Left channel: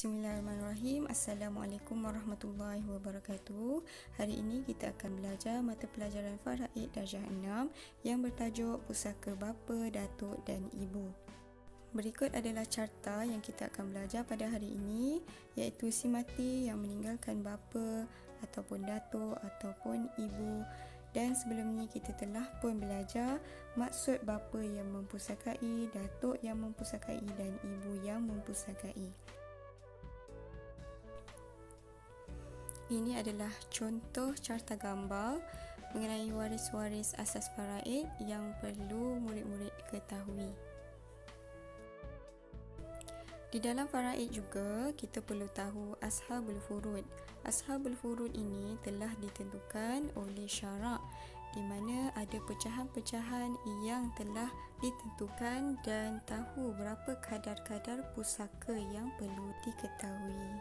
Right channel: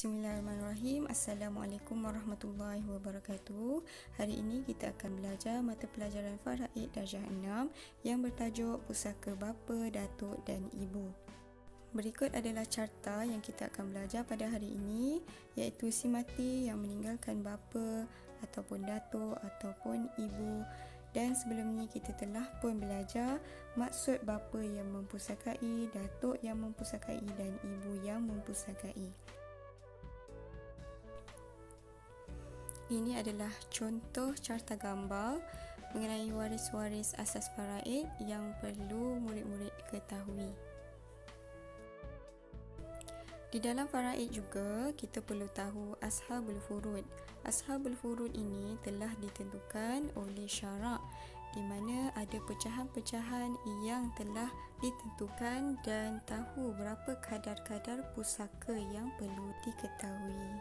Bismillahirrahmanirrahim. Assalamualaikum warahmatullahi wabarakatuh. Hari ini kita akan belajar mata pelajaran Faraid Darjah 6 yang bertajuk Pusaka Bapa, Datuk dan Ibu. Berikut adalah carta yang kita akan belajar pada hari ini, iaitu si mati yang meninggalkan bapa ataupun datuk ataupun ibu. Dan sebelum ni kita telah pun belajar maksud bapa yang mempusakai, datuk yang mempusakai dan ibu yang mempusakai. Ini adalah contoh carta gambar mengenai waris-waris asas faraid yang perlu murid-murid ketahui. Di dalam faraid juga kita perlu tahu ashabul furud. Ashabul furud ini telah ditentukan oleh syarak, di mana ada pecahan-pecahan yang telah ditentukan dan tahu berapa kadar-kadar pusaka yang perlu diketahui.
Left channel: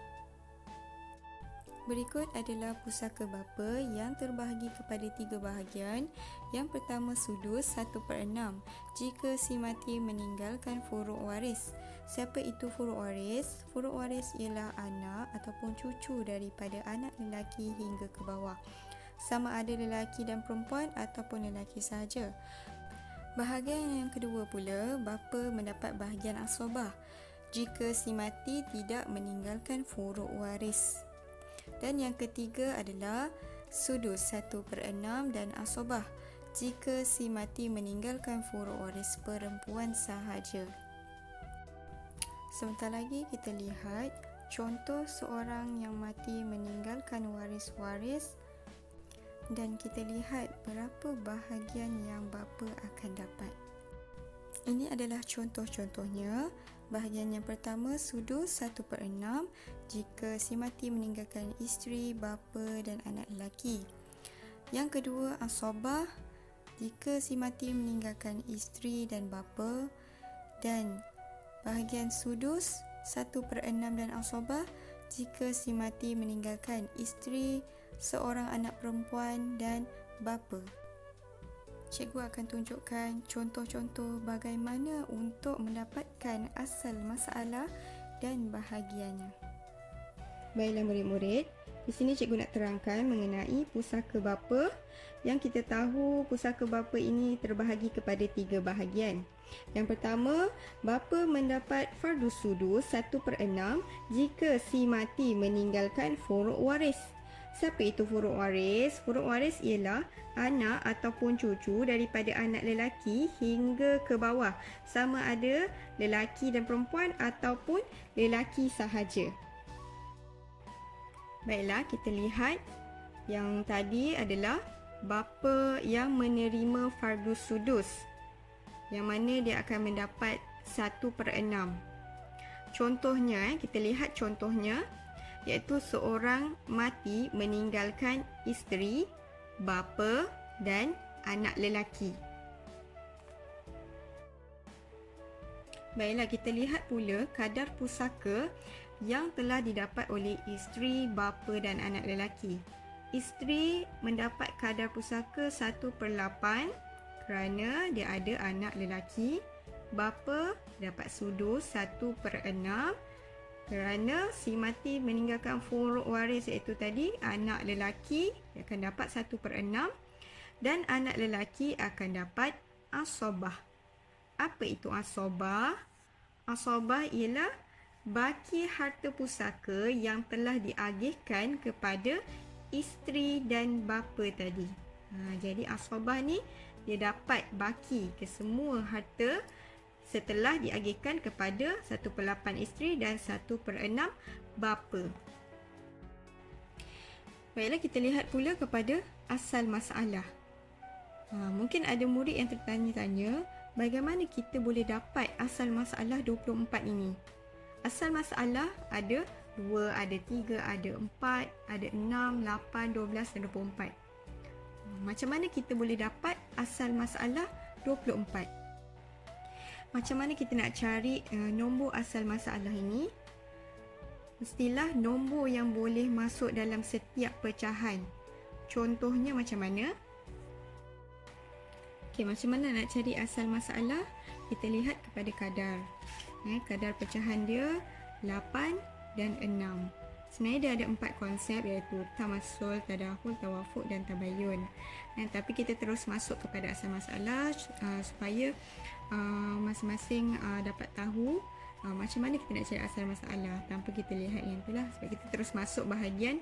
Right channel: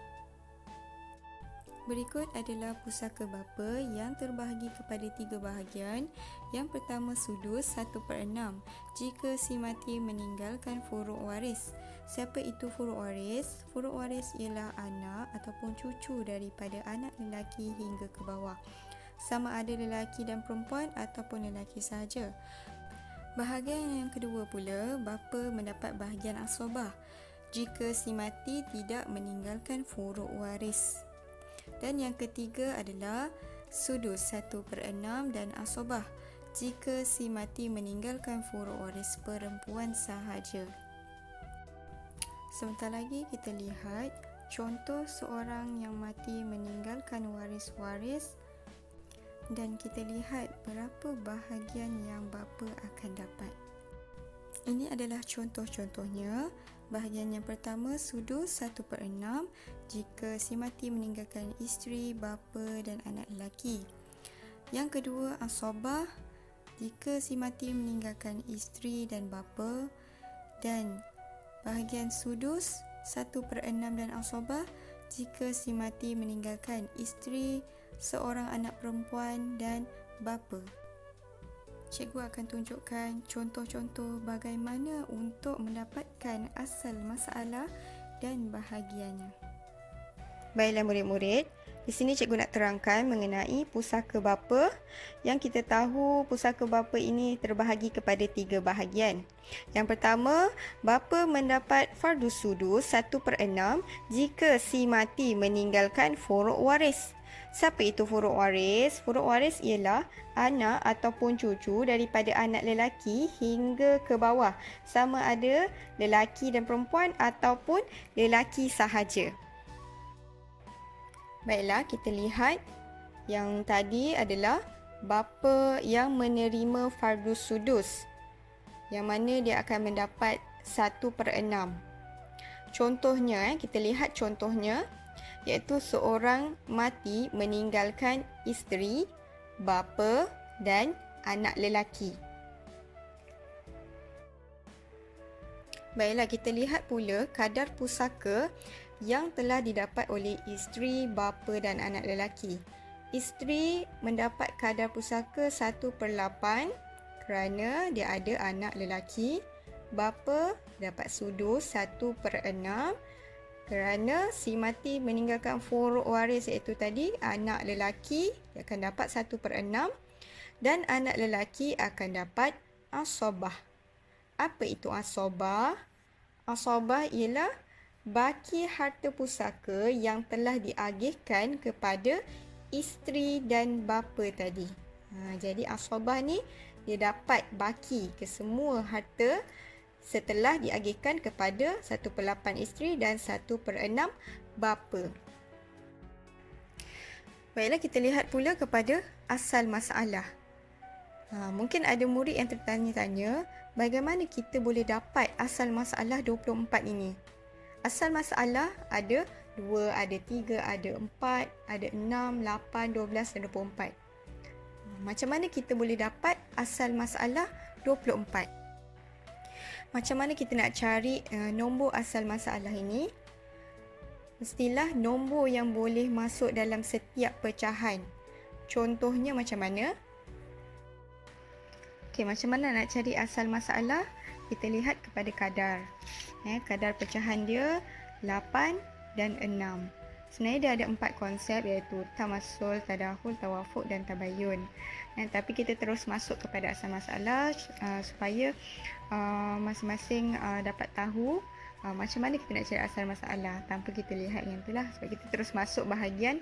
Berikut adalah pusaka bapa yang terbahagi kepada 3 bahagian. Yang pertama sudus 1/6 jika si mati meninggalkan furuk waris. Siapa itu furuk waris? Furuk waris ialah anak ataupun cucu daripada anak lelaki hingga ke bawah. Sama ada lelaki dan perempuan ataupun lelaki sahaja. Bahagian yang kedua pula, bapa mendapat bahagian asobah jika si mati tidak meninggalkan furuk waris. Dan yang ketiga adalah sudus 1/6 dan asobah jika si mati meninggalkan furuk waris perempuan sahaja. Sebentar lagi kita lihat contoh seorang yang mati meninggalkan waris-waris dan kita lihat berapa bahagian yang bapa akan dapat. Ini adalah contoh-contohnya. Bahagian yang pertama sudus 1/6 jika si mati meninggalkan isteri, bapa dan anak lelaki. Yang kedua asobah jika si mati meninggalkan isteri dan bapa. Dan bahagian sudus 1/6 dan asobah jika si mati meninggalkan isteri, seorang anak perempuan dan bapa. Cikgu akan tunjukkan contoh-contoh bagaimana untuk mendapatkan asal masalah dan bahagiannya. Baiklah murid-murid, di sini cikgu nak terangkan mengenai pusaka bapa. Yang kita tahu pusaka bapa ini terbahagi kepada 3 bahagian. Yang pertama, bapa mendapat fardus sudus 1/6 jika si mati meninggalkan furuk waris. Siapa itu furuk waris? Furuk waris ialah anak ataupun cucu daripada anak lelaki hingga ke bawah. Sama ada lelaki dan perempuan ataupun lelaki sahaja. Baiklah, kita lihat yang tadi adalah bapa yang menerima fardus sudus, yang mana dia akan mendapat 1/6. Contohnya, kita lihat contohnya, iaitu seorang mati meninggalkan isteri, bapa dan anak lelaki. Baiklah, kita lihat pula kadar pusaka yang telah didapat oleh isteri, bapa dan anak lelaki. Isteri mendapat kadar pusaka 1/8 kerana dia ada anak lelaki. Bapa dapat sudus 1/6 kerana si mati meninggalkan furuk waris, iaitu tadi anak lelaki dia akan dapat 1/6 dan anak lelaki akan dapat asobah. Apa itu asobah? Asobah ialah baki harta pusaka yang telah diagihkan kepada isteri dan bapa tadi. Jadi asobah ni dia dapat baki ke semua harta setelah diagihkan kepada 1/8 isteri dan 1/6 bapa. Baiklah, kita lihat pula kepada asal masalah. Mungkin ada murid yang tertanya-tanya, bagaimana kita boleh dapat asal masalah 24 ini? Asal masalah ada 2, ada 3, ada 4, ada 6, 8, 12 dan 24. Macam mana kita boleh dapat asal masalah 24? Macam mana kita nak cari nombor asal masalah ini? Mestilah nombor yang boleh masuk dalam setiap pecahan. Contohnya macam mana? Okey, macam mana nak cari asal masalah? Kita lihat kepada kadar. Kadar pecahan dia 8, dan 6. Sebenarnya dia ada 4 konsep, iaitu tamasul, tadahul, tawafuk dan tabayun. Tapi kita terus masuk kepada asal masalah supaya masing-masing dapat tahu macam mana kita nak cari asal masalah tanpa kita lihat yang itulah. Sebab kita terus masuk bahagian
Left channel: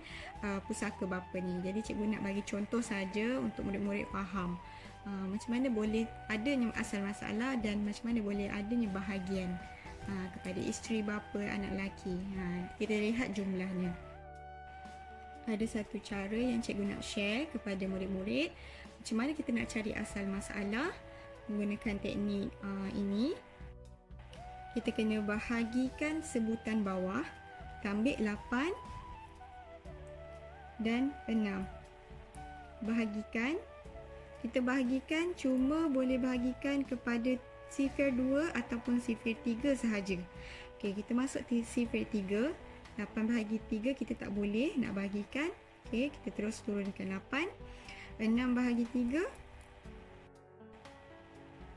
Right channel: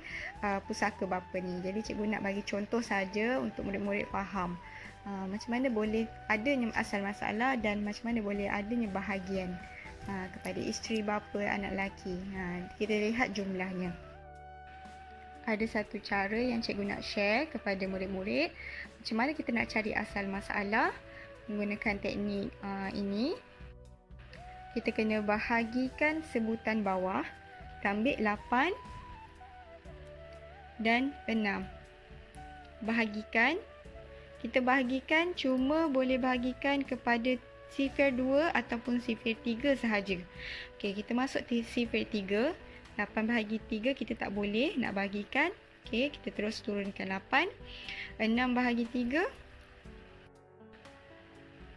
pusaka bapa ni. Jadi cikgu nak bagi contoh saja untuk murid-murid faham macam mana boleh adanya asal masalah dan macam mana boleh adanya bahagian kepada isteri bapa, anak lelaki. Kita lihat jumlahnya. Ada satu cara yang cikgu nak share kepada murid-murid macam mana kita nak cari asal masalah menggunakan teknik ini. Kita kena bahagikan sebutan bawah. Kita ambil 8 dan 6. Bahagikan. Kita bahagikan cuma boleh bahagikan kepada sifir 2 ataupun sifir 3 sahaja. Okey, kita masuk di sifir 3. 8 bahagi 3 kita tak boleh nak bahagikan. Okey, kita terus turunkan 8. 6 bahagi 3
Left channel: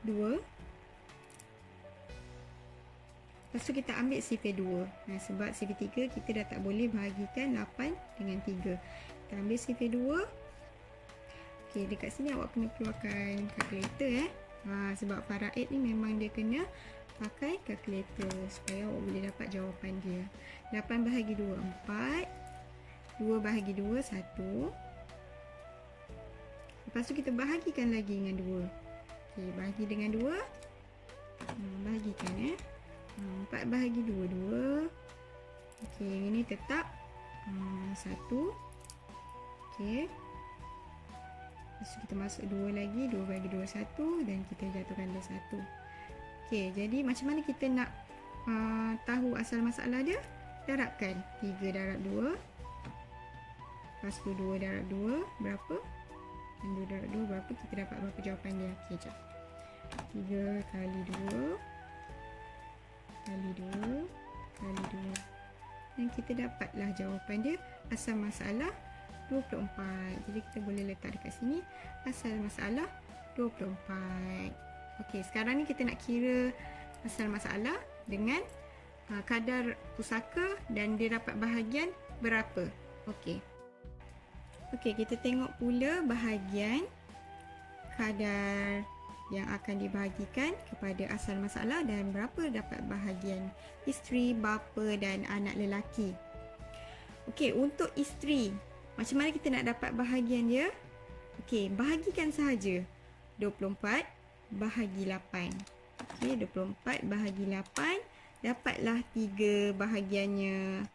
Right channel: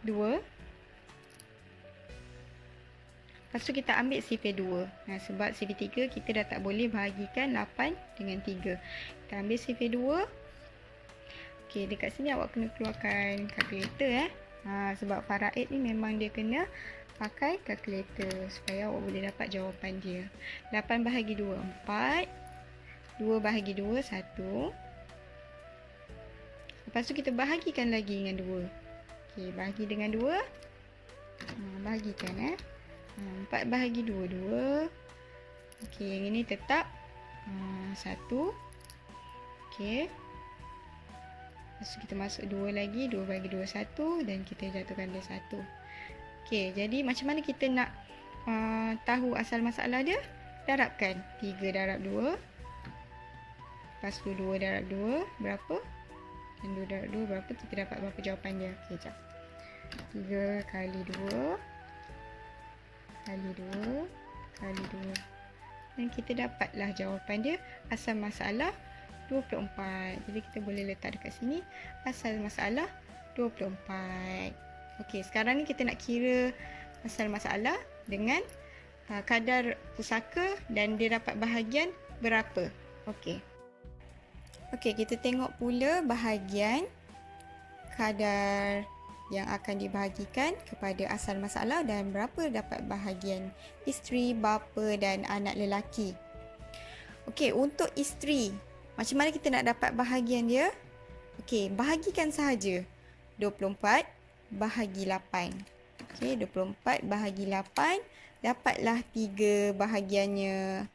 2. Lepas tu kita ambil sifir 2. Sebab sifir 3 kita dah tak boleh bahagikan 8 dengan 3. Kita ambil sifir 2. Okey, dekat sini awak kena keluarkan kalkulator sebab faraid ni memang dia kena pakai kalkulator supaya awak boleh dapat jawapan dia. 8 bahagi 2 4. 2 bahagi 2 1. Lepas tu kita bahagikan lagi dengan 2. Okey, bahagi dengan 2. Bahagikan 4 bahagi 2 2. Okey, yang ini tetap 1. Okey. Lepas tu kita masuk 2 lagi, 2 bagi 2 1 dan kita jatuhkan 2 1. Okey, jadi macam mana kita nak tahu asal masalah dia? Darabkan 3 darab 2. Lepas tu 2 darab 2 berapa? Dan 2 darab 2 berapa? Kita dapat berapa jawapan dia? Okey, jap. 3 kali 2 kali 2 kali 2. Dan kita dapatlah jawapan dia, asal masalah 24. Jadi kita boleh letak dekat sini asal masalah 24. Okey, sekarang ni kita nak kira asal masalah dengan kadar pusaka dan dia dapat bahagian berapa. Okey. Okey, kita tengok pula bahagian kadar yang akan dibahagikan kepada asal masalah dan berapa dapat bahagian isteri, bapa dan anak lelaki. Okey, untuk isteri, macam mana kita nak dapat bahagian dia? Okey, bahagikan sahaja. 24 bahagi 8. Okey, 24 bahagi 8. Dapatlah 3 bahagiannya.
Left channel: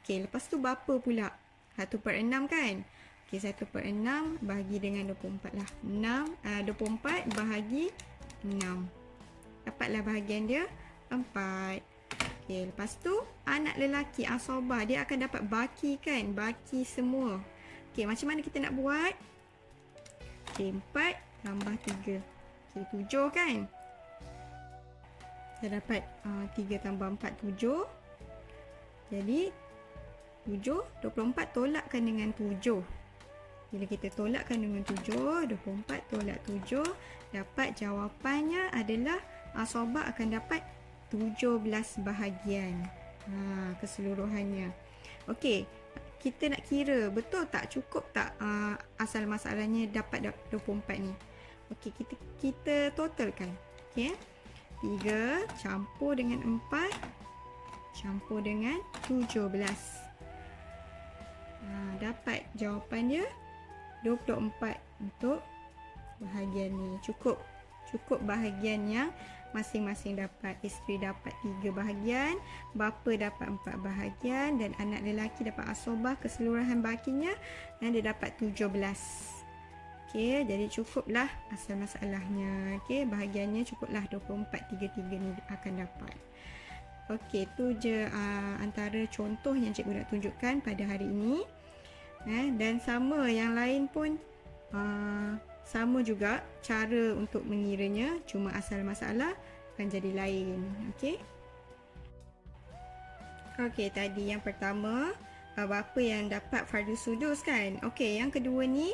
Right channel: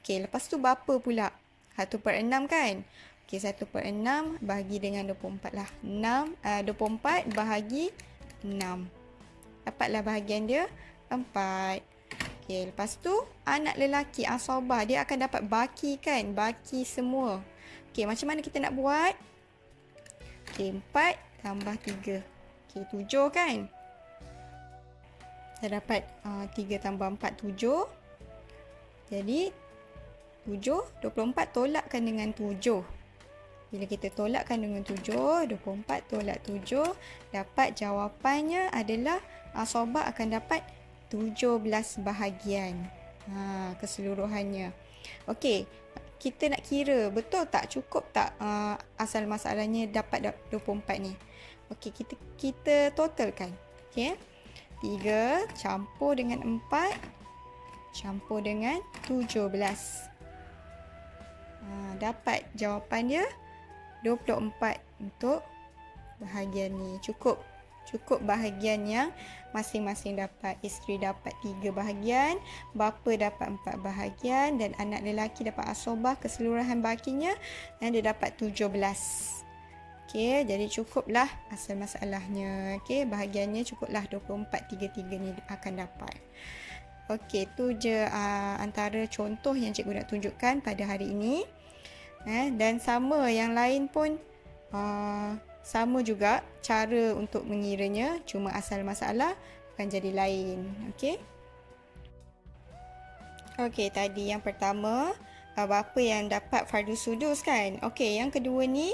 Okey, lepas tu bapa pula. 1/6 kan? Okey, 1/6 bahagi dengan 24 lah. 24 bahagi 6. Dapatlah bahagian dia 4. Okey, lepas tu anak lelaki asabah dia akan dapat baki kan? Baki semua. Okey, macam mana kita nak buat? Okey, 4 tambah 3. Okey, 7 kan? Dah dapat 3 tambah 4 7. Jadi 7, 24 tolakkan dengan 7. Bila kita tolakkan dengan 7, 24 tolak 7, dapat jawapannya adalah asabah akan dapat 17 bahagian keseluruhannya. Okey, kita nak kira betul tak, cukup tak asal masalahnya dapat 24 ni. Okey, kita totalkan. Okey, 3 campur dengan 4 campur dengan 17. Dapat jawapan dia 24 untuk bahagian ni. Cukup bahagian yang masing-masing dapat. Isteri dapat 3 bahagian, bapa dapat 4 bahagian dan anak lelaki dapat asabah keseluruhan bakinya dan dia dapat 17. Okey, jadi cukuplah asal masalahnya. Okey, bahagiannya cukuplah 24, 3 ni akan dapat. Okey, tu je antara contoh yang cikgu nak tunjukkan pada hari ini. Dan sama yang lain pun sama juga cara untuk mengiranya, cuma asal masalah akan jadi lain. Okey. Okey, tadi yang pertama bapa yang dapat fardu sudus kan. Okey, yang kedua ni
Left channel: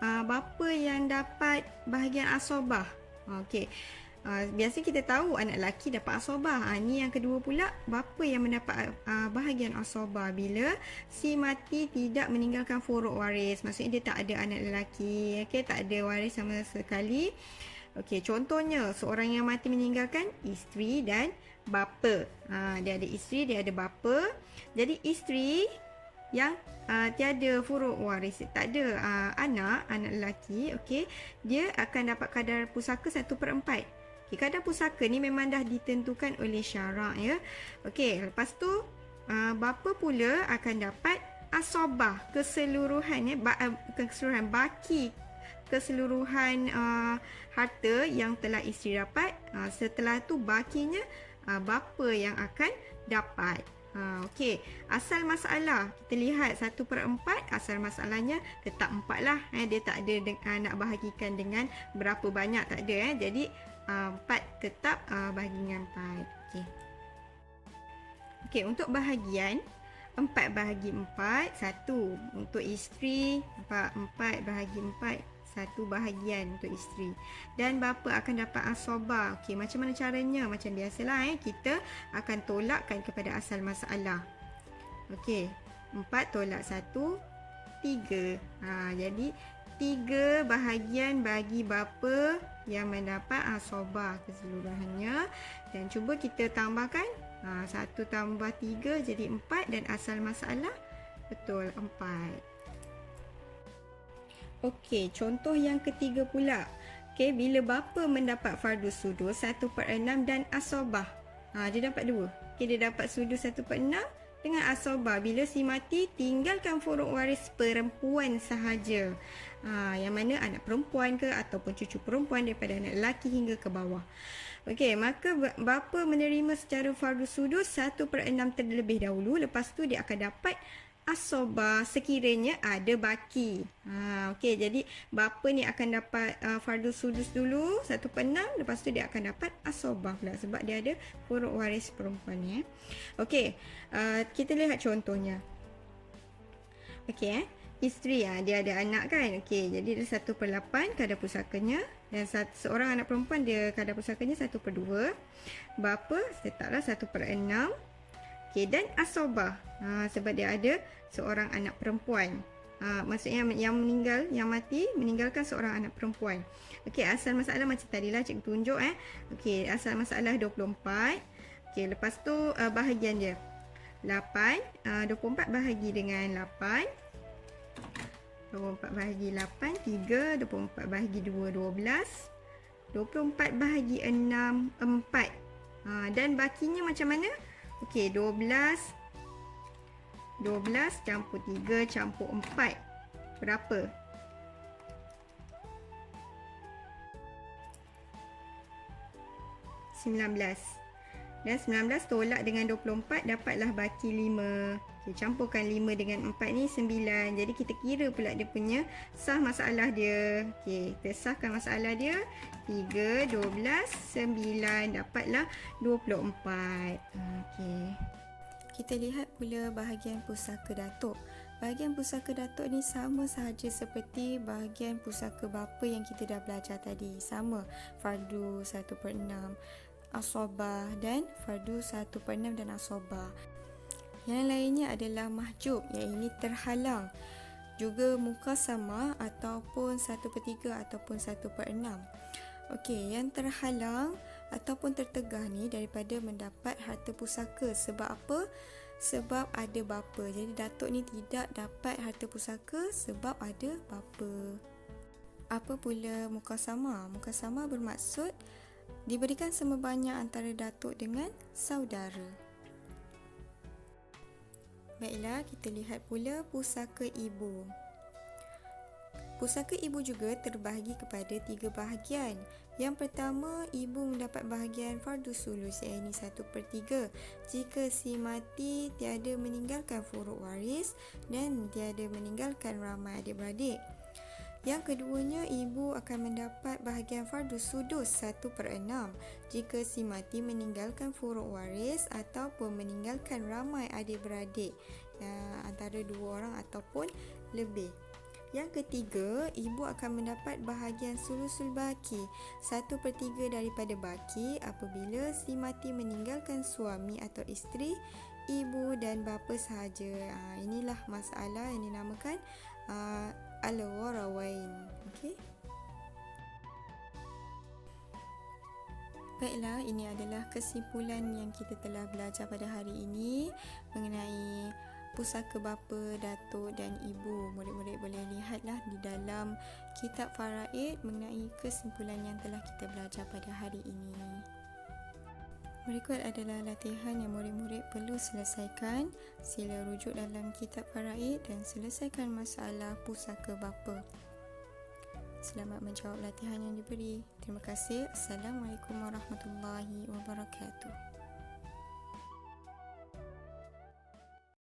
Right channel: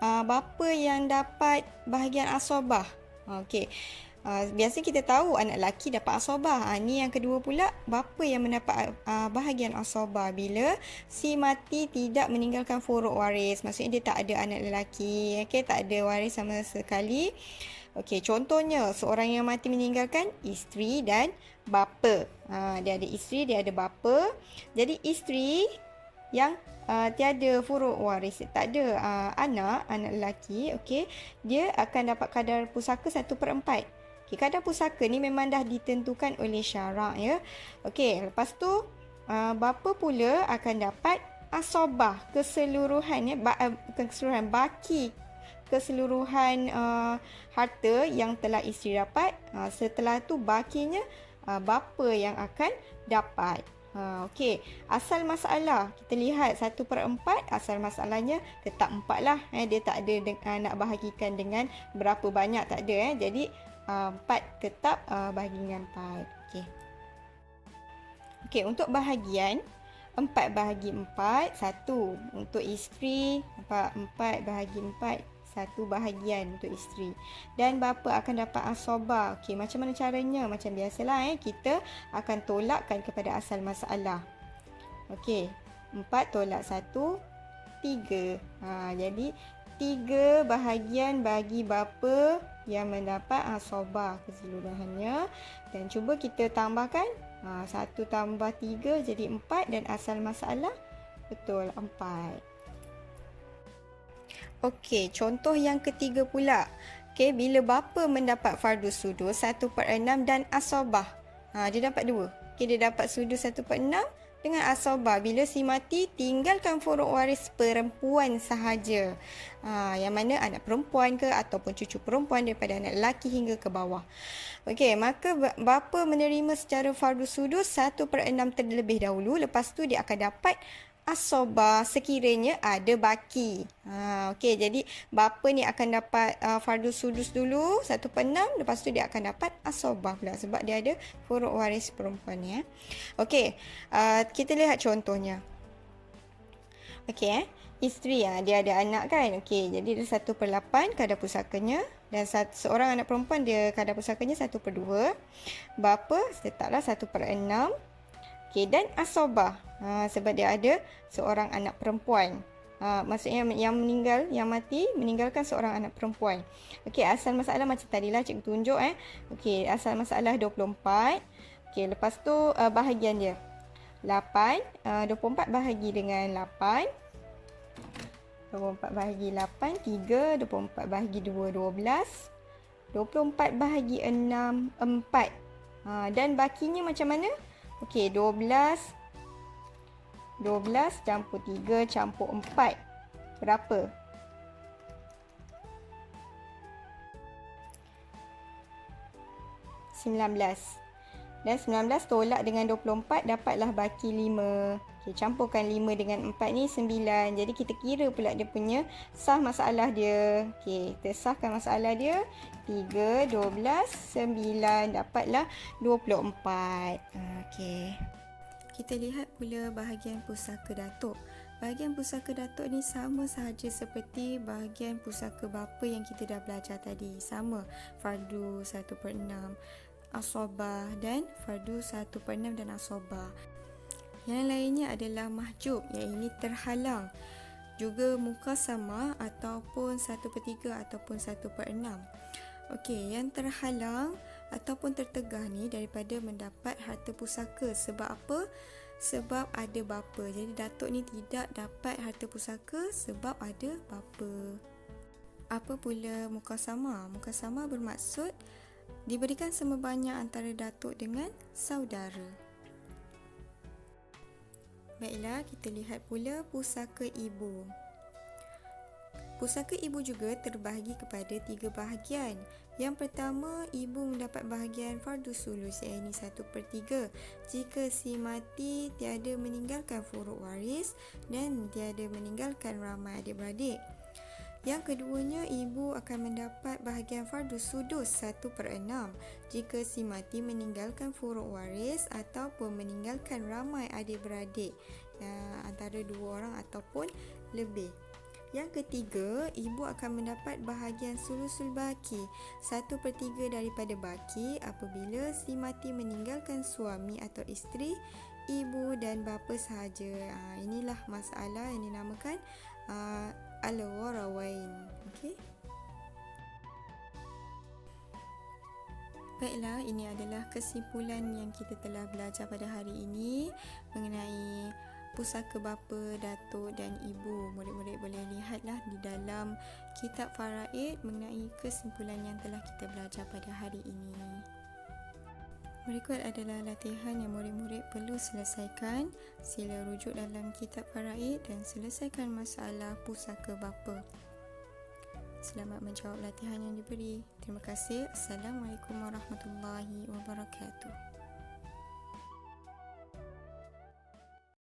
bapa yang dapat bahagian asabah. Okey. Biasa kita tahu anak lelaki dapat asobah. Ni yang kedua pula, bapa yang mendapat bahagian asobah bila si mati tidak meninggalkan furuk waris. Maksudnya dia tak ada anak lelaki, okay? Tak ada waris sama sekali. Okey, contohnya seorang yang mati meninggalkan isteri dan bapa. Dia ada isteri, dia ada bapa. Jadi isteri yang tiada furuk waris, tak ada anak lelaki, okey, dia akan dapat kadar pusaka 1/4. Okay, kadar pusaka ni memang dah ditentukan oleh syarak, ya. Okey, lepas tu bapa pula akan dapat asobah keseluruhan, keseluruhan baki keseluruhan harta yang telah isteri dapat. Setelah tu bakinya bapa yang akan dapat. Okey, asal masalah kita lihat 1/4, asal masalahnya tetap 4 lah. Dia tak ada nak bahagikan dengan berapa banyak, tak ada. Jadi 4 tetap bahagi dengan 4. Okey. Okey, untuk bahagian 4 bahagi 4, 1 untuk isteri, 4 bahagi 4, 1 bahagian untuk isteri. Dan bapa akan dapat asobah. Okey, macam mana caranya? Macam biasalah, kita akan tolakkan kepada asal masalah. Okey, 4 tolak 1, 3. Jadi 3 bahagian bagi bapa yang mendapat asobah keseluruhannya. Dan cuba kita tambahkan 1 tambah 3 jadi 4, dan asal masalah betul 4. Okey, contoh yang ketiga pula. Okey, bila bapa mendapat fardus sudus 1/6 dan asobah. Dia dapat 2. Okey, dia dapat sudus 1/6 dengan asobah bila si mati tinggalkan furuk waris perempuan sahaja. Yang mana anak perempuan ke ataupun cucu perempuan daripada anak lelaki hingga ke bawah. Okey, maka bapa menerima secara fardus sudus 1/6 terlebih dahulu. Lepas tu dia akan dapat asobah sekiranya ada baki. Okey, jadi bapa ni akan dapat fardus sudus dulu 1/6, lepas tu dia akan dapat asobah pula sebab dia ada furuk waris perempuan ni. Okey, kita lihat contohnya. Okey, isteri dia ada anak kan. Okey, jadi dia 1/8 kadar pusakanya, dan seorang anak perempuan dia kadar pusakanya 1/2. Bapa letaklah 1/6. Okey, dan asobah sebab dia ada seorang anak perempuan. Maksudnya yang meninggal, yang mati meninggalkan seorang anak perempuan. Okey, asal masalah macam tadilah cikgu tunjuk. Okey, asal masalah 24. Okey, lepas tu bahagian dia 8. 24 bahagi dengan 8. 24 bahagi 8, 3. 24 bahagi 2, 12. 24 bahagi 6, 4. Dan bakinya macam mana? Okey, 12 campur 3 campur 4. Berapa? 19. Dan 19 tolak dengan 24, dapatlah baki 5. Okey, campurkan 5 dengan 4 ni 9. Jadi kita kira pula dia punya sah masalah dia. Okey, kita sahkan masalah dia. 3, 12, 9. Dapatlah 24. Okey. Kita lihat pula bahagian pusaka datuk. Bahagian pusaka datuk ni sama sahaja seperti bahagian pusaka bapa yang kita dah belajar tadi. Sama, fardu 1/6. Asobah dan fardu 1/6 dan asobah. Yang lainnya adalah mahjub, iaitu terhalang. Juga mukasama ataupun 1/3 ataupun 1/6. Okey, yang terhalang ataupun tertegah ni daripada mendapat harta pusaka. Sebab apa? Sebab ada bapa. Jadi datuk ni tidak dapat harta pusaka sebab ada bapa. Apa pula mukasama? Mukasama bermaksud diberikan sama banyak antara datuk dengan saudara. Baiklah, kita lihat pula pusaka ibu. Pusaka ibu juga terbahagi kepada 3 bahagian. Yang pertama, ibu mendapat bahagian fardus sulus, iaitu 1/3 jika si mati tiada meninggalkan furuk waris dan tiada meninggalkan ramai adik-beradik. Yang keduanya, ibu akan mendapat bahagian fardus sudus 1/6 jika si mati meninggalkan furuk waris ataupun meninggalkan ramai adik-beradik, antara 2 orang ataupun lebih. Yang ketiga, ibu akan mendapat bahagian sulusul baki, 1/3 daripada baki apabila si mati meninggalkan suami atau isteri, ibu dan bapa sahaja. Inilah masalah yang dinamakan al-warawain. Okey. Baiklah, ini adalah kesimpulan yang kita telah belajar pada hari ini mengenai pusaka bapa, datuk dan ibu. Murid-murid boleh lihatlah di dalam kitab faraid mengenai kesimpulan yang telah kita belajar pada hari ini. Berikut adalah latihan yang murid-murid perlu selesaikan. Sila rujuk dalam kitab faraid dan selesaikan masalah pusaka bapa. Selamat menjawab latihan yang diberi. Terima kasih. Assalamualaikum warahmatullahi wabarakatuh.